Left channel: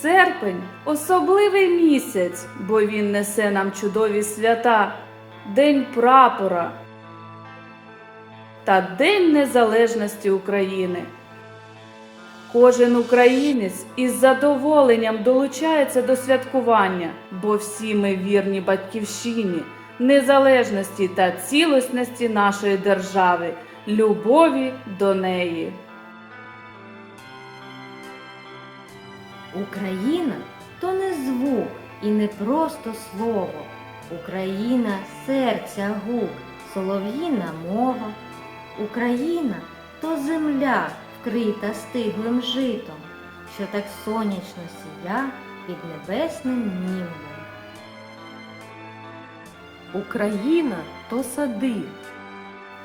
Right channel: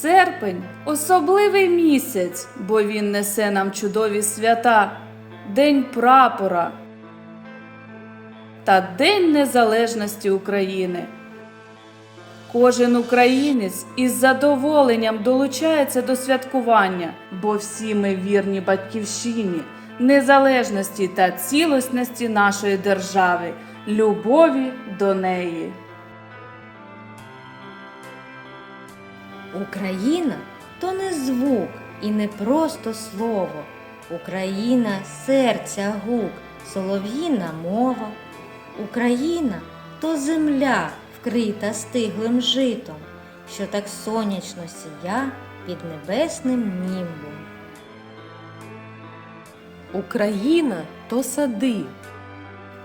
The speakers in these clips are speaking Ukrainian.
Серпень особливий місяць, бо він несе нам чудові свята, День прапора та День Незалежності України. Кожен українець із задоволенням долучається до святкування, бо всі ми вірні батьківщині, незалежності та цілісності нашої держави, любові до неї. Україна то не звук і не просто слово. Україна серця гук, солов'їна мова. Україна то земля, вкрита стиглим житом, що так сонячно сія під небесним німбом. Україна то сади,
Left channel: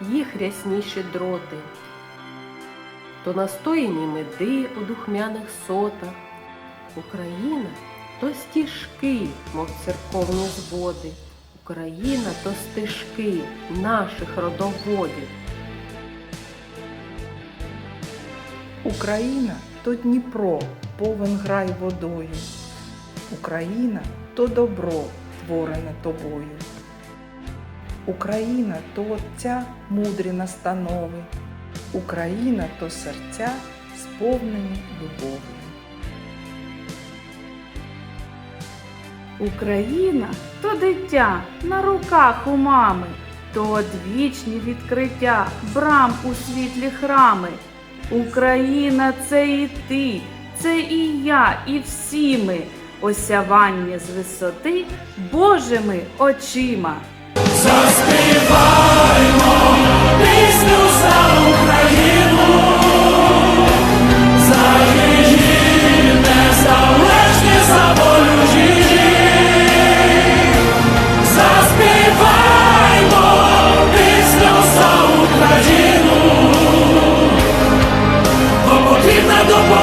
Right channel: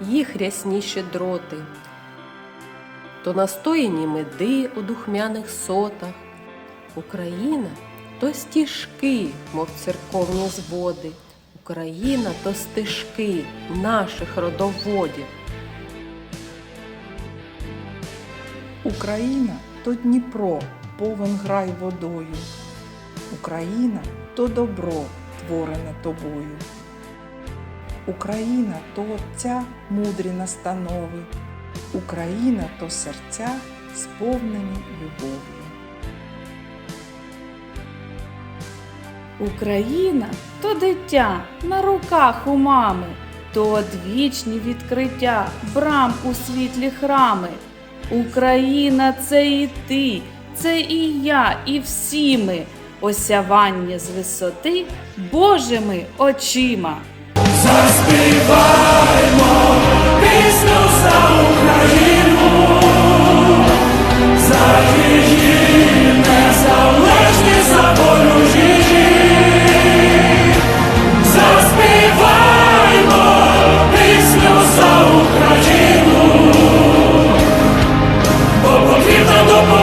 їх рясні щедроти, то настояні меди у духмяних сотах. Україна то стіжки, мов церковні зводи. Україна то стежки наших родоводів. Україна то Дніпро, повен грай водою. Україна то добро, творене тобою. Україна то Отця мудрі настанови. Україна то серця, сповнені любов'ю. Україна то дитя на руках у мами, то одвічні відкриття брам у світлі храми. Україна це і ти, це і я, і всі ми, осявання з висоти Божими очима. рідній Alabama.